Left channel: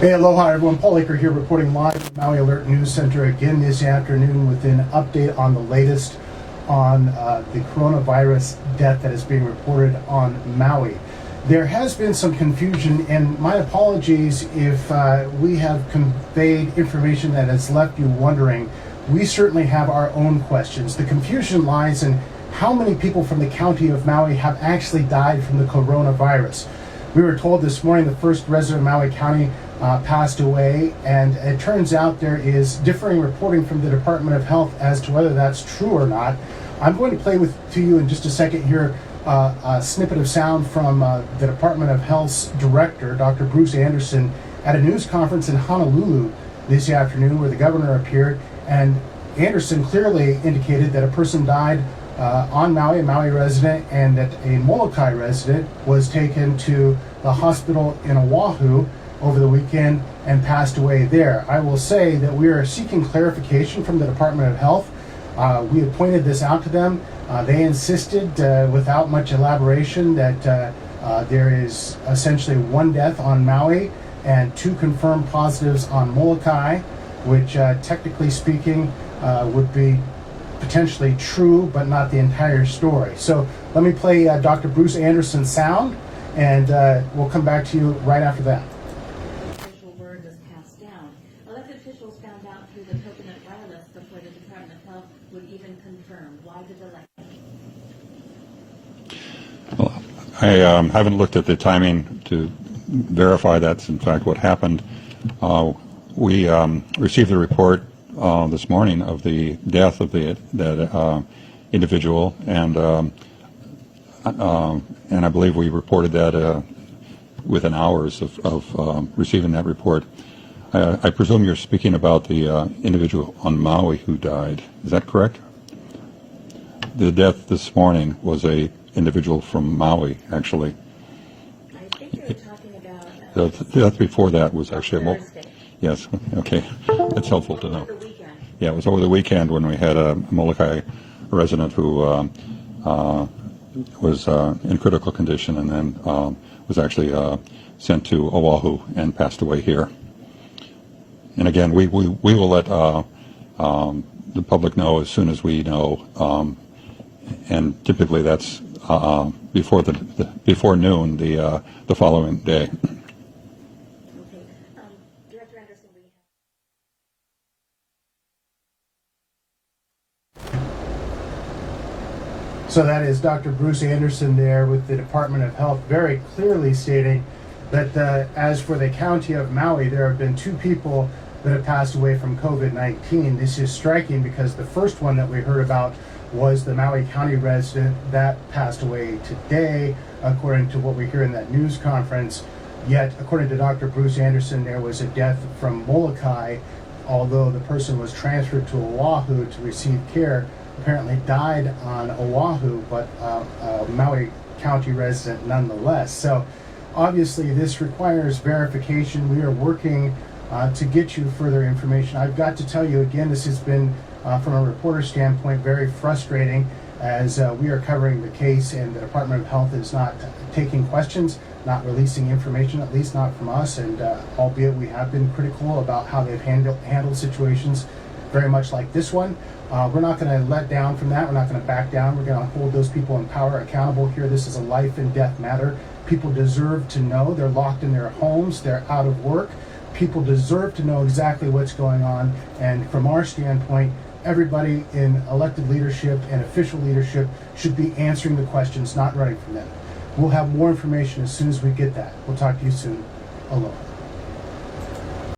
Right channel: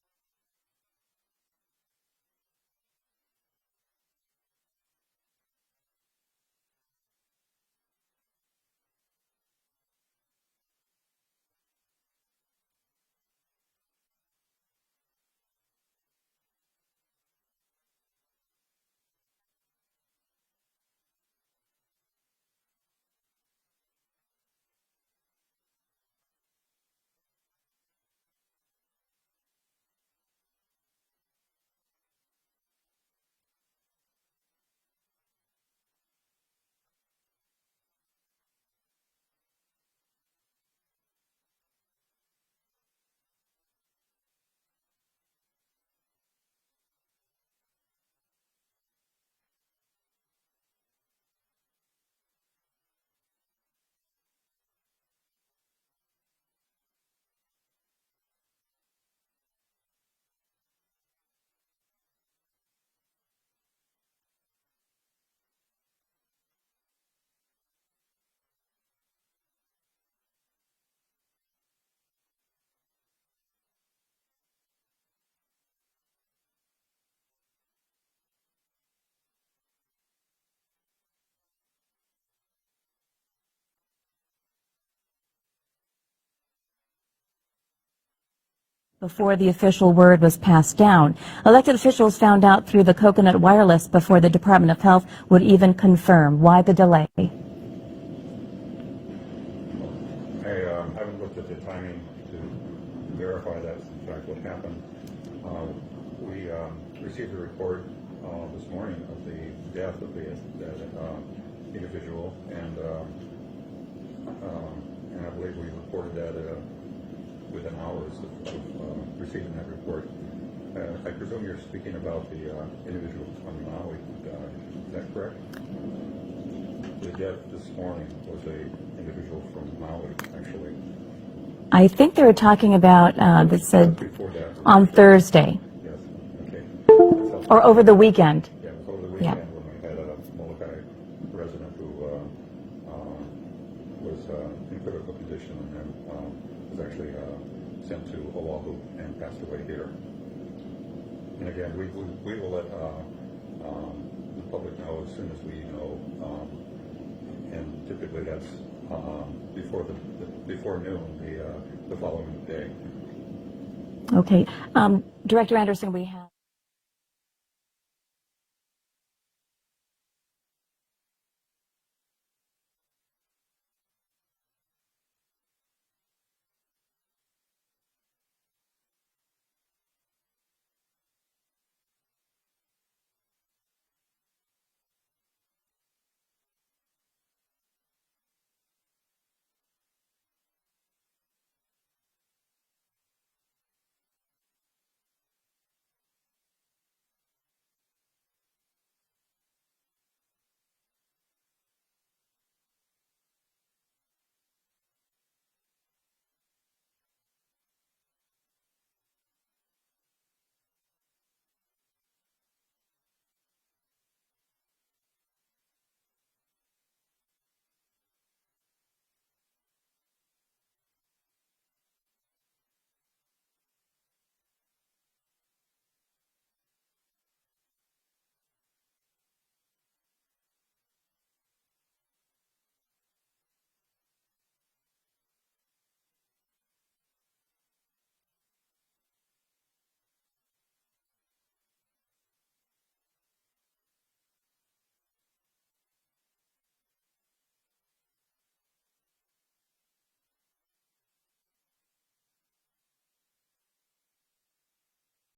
Hey, aloha everyone. Paul Aker here reporting live from Maui Alert News Center again this afternoon with an update on the latest on the coronavirus death that is being reported on Maui. There has been some confusion, and my apologies if we have conveyed information that has left you wondering. We certainly have our own questions. The confusion lies in how many people from the county of Maui have actually died from the coronavirus. We were told this morning the first resident of Maui County passed away, and it turns out there is differing reporting from the Department of Health as to whether that's true or not. I'm going to play to you in just a second here a snippet of sound from the Department of Health's director, Dr. Bruce Anderson, at a news conference in Honolulu this afternoon where the governor appeared, and Anderson clearly indicated that a person died on Maui, a Maui resident, and that a Molokai resident was taken to the hospital in Oahu over the weekend and passed away there. I will say that we are seeking clarification from the Department of Health. We had pointed this out to them. They insisted, without much elaboration, that there is essentially one death on Maui and 2 confirmed positives on Molokai, which technically speaking would be potentially true, but not the entire story. So let me play Dr. Bruce Anderson's sound, and we'll come back to you right after that. Before the official word was passed down, elected officials found out through the Coconut Wireless before the Department of Health would even confirm. Why the delay? Well, I haven't looked at the timing to verify that's in fact what happened. We received the report this morning of the death of that individual, and I believe we reported that within hours of receiving that report. I presume you're speaking about the individual on Maui who died. Is that correct? The death this morning was a individual from Maui, actually. I think they were talking about The death before that was on actually Thursday. Yes. Okay. That's helpful. Or over the weekend. Yeah, it was over the weekend when we had a Molokai resident who was in critical condition and then was actually sent to Oahu and passed away here. And again, we will let the public know as soon as we know, and typically that's before noon the following day. Okay, Director Anderson, we have. So that is Dr. Bruce Anderson there with the Department of Health, very clearly stating that as for the county of Maui, there have been 2 people that have passed away from COVID-19. This is striking because the first one that we heard about was the Maui County resident that passed away today, according to what we hear in that news conference. Yet, according to Dr. Bruce Anderson, there was a death from Molokai, although the person was transferred to Oahu to receive care. Apparently died on Oahu, but a Maui County resident nonetheless. So obviously this requires verification. We are working to get you further information. I've got to tell you again, this has been from a reporter standpoint very frustrating as we are covering the case and the Department of Health is not taking questions, not releasing information, at least not from us, and albeit we have been critical about how they've handled situations very much like this one. We're not going to let down from that. We're not going to back down. We're going to hold those people in power accountable here. This is a life and death matter. People deserve to know. They're locked in their homes. They're out of work. People deserve to know exactly what's going on. And from our standpoint, everybody in elected leadership and official leadership should be answering the questions, not running from them. We'll have more information as soon as we get that. We'll talk to you soon. Aloha.